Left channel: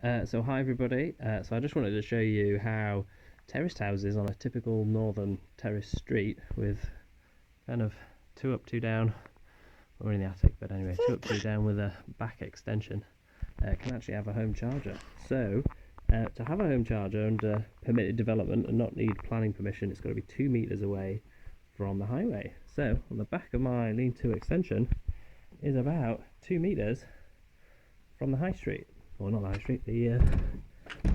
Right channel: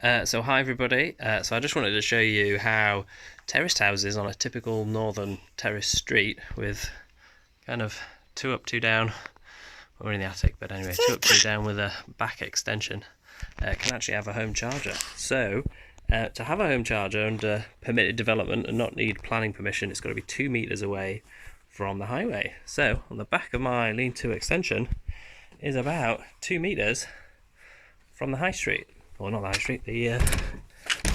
So hi everybody, so I just wanted to show you how terraced houses on a typical northern terrace street with kind of 2 up 2 down, we're in the attic but anyway, 2 up 2 down with a back extension can actually have a home charger. So to have a home charger under permitted development and not need planning permission, it's got to be 2 meters away from the highway. So on the back of my lean-to extension is about 2 meters from the high street. Well, not the high street, the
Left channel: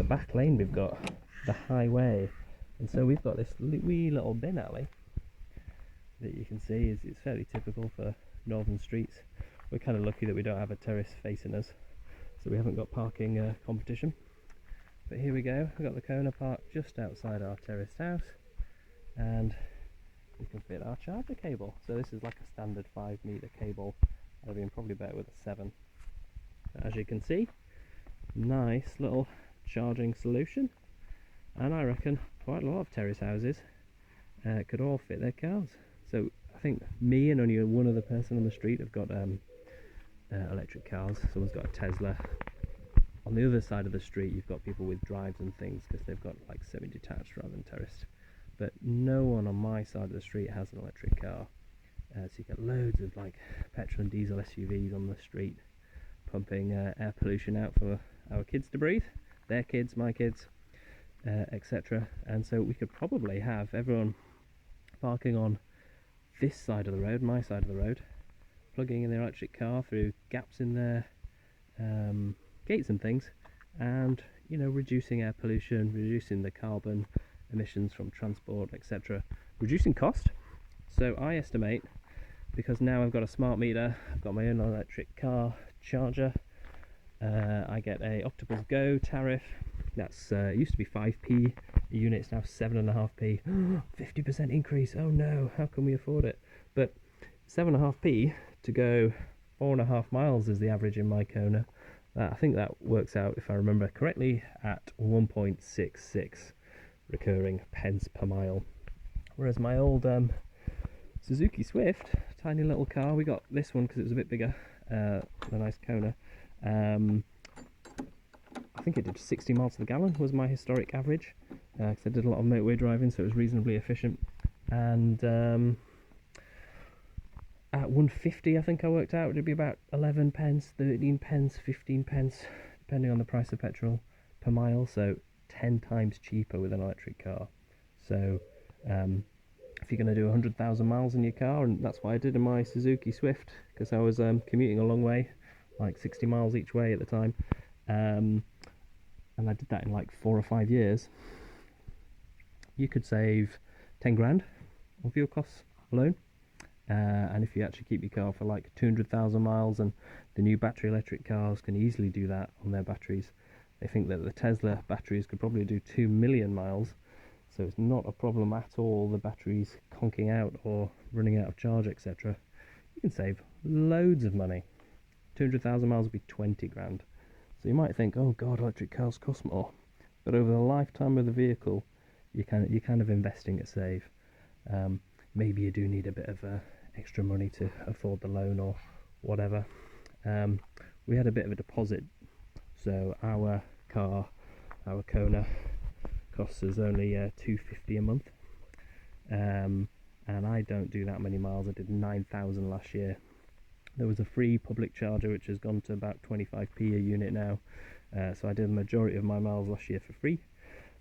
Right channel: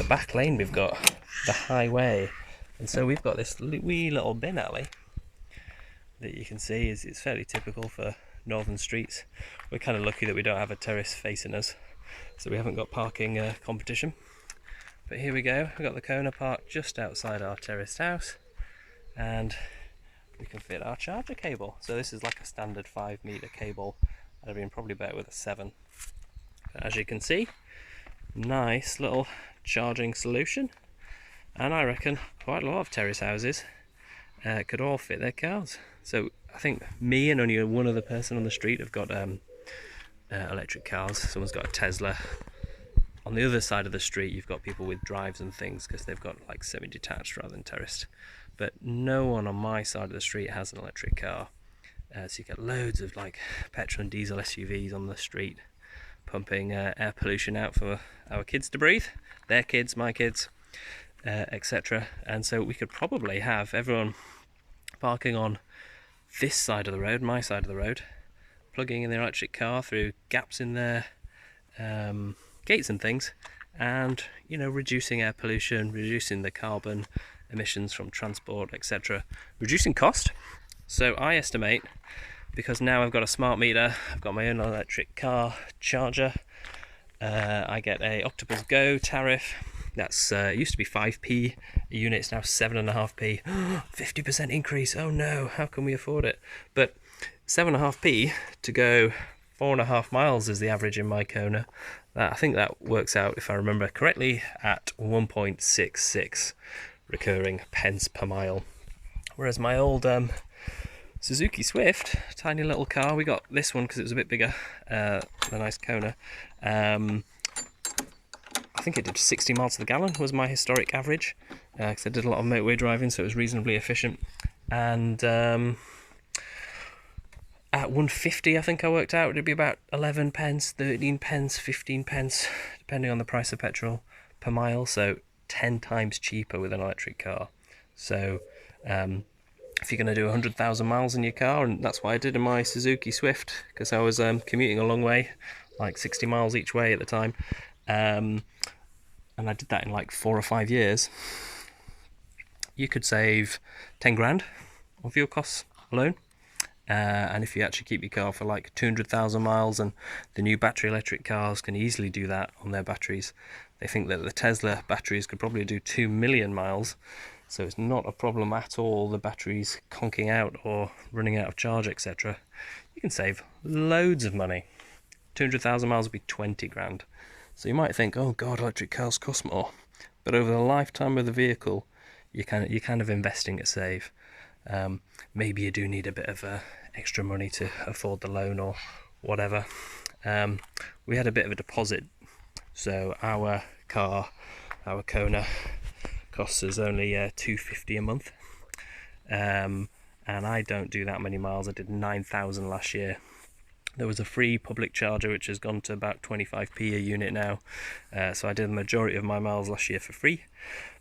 back lane we've got, the highway. And so we've got this wee little bin alley that you can see it's fairly typical for northern streets. We're kind of lucky that we don't have a terrace facing us, so we haven't got parking competition. But here we go, we've got the Kona parked just outside our terraced house, and we can fit our charger cable. So this is like a standard 5-meter cable. I'd have been probably better with a 7. But as you can see, nice little charging solution, and I reckon quite a lot of terrace houses could all fit their cars. So I think me and only one other person on the street have got electric cars. Someone's got a Tesla. On the other side of the street you've got people with drives and things because they've got like semi-detached rather than terraced, but no one on my side of the street has an electric car. So you get loads of like petrol and diesel SUVs on the street pumping air pollution out for our kids to breathe, their kids, my kids, etc. And so we could probably have everyone parking on this side of the road, my side of the road, plugging in their electric car through gaps in their gates and things, and reducing air pollution, reducing the carbon emissions from transport, etc., reducing cost. So I estimate, because now I've got a smart meter, I've got my own electric car charger, I get a Octopus Go tariff. That's it used to be 5p a unit, it's now 7.5p. 50% increase, oh no, how can we afford it? But 7.5p to go 4.5 miles is the average in my Kona. I think that works out, if I remember correctly, at 1.66 recurring pence per mile. Whereas my old Suzuki Swift, tiny little car, we got this one because it was a bit bigger, the nice Kona. I think it did 60 miles to the gallon was my historic average, because I did a lot of motorway driving, so it was reasonably efficient. And at 150, I think I worked out it'd be about 11 pence, 13 pence, 15 pence, depending on the price of petrol per mile. So 10 times cheaper with an electric car. So if you're going to do 100,000 miles in your car, and that's what I did in my Suzuki Swift, because I was commuting a long way, like 60 miles each way at the time, and I did that in like 4 or 5 years, you could save 10 grand on fuel costs alone. And if you actually keep your car for like 200,000 miles, and the new battery electric cars can easily do that on their batteries. They think that the Tesla batteries could probably do 2 million miles. So it's not a problem at all, the batteries conking out or running out of charge, etc. You can save loads of money. 200,000 miles would be 20 grand. So you might think, oh god, electric cars cost more. But over the lifetime of the vehicle, you're kind of investing to save. Maybe you do need a bit of extra money to afford the loan or whatever. We had a bit of a deposit, so our car, our Kona, costs us only $250 a month, and I don't do that many miles. I did 9,000 last year. There was a free public charger which has gone to about 25p a unit now, so I did the majority of my miles last year for free,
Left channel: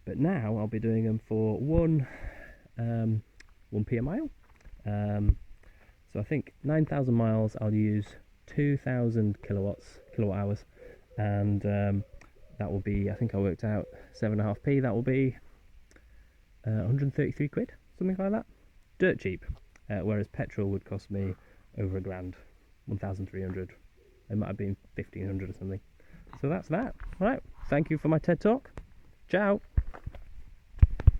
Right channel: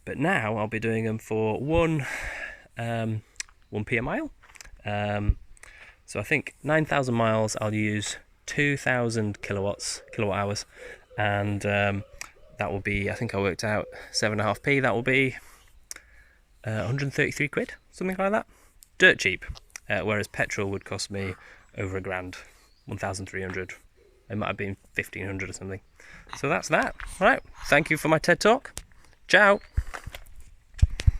but now I'll be doing them for 1p a mile. So I think 9,000 miles I'll use 2,000 kilowatt hours, and that will be, I think I worked out 7.5p, that will be 133 quid, something like that. Dirt cheap, whereas petrol would cost me over £1,000, 1,300. It might have been 1,500 or something. So that's that. Right, thank you for my TED Talk. Ciao.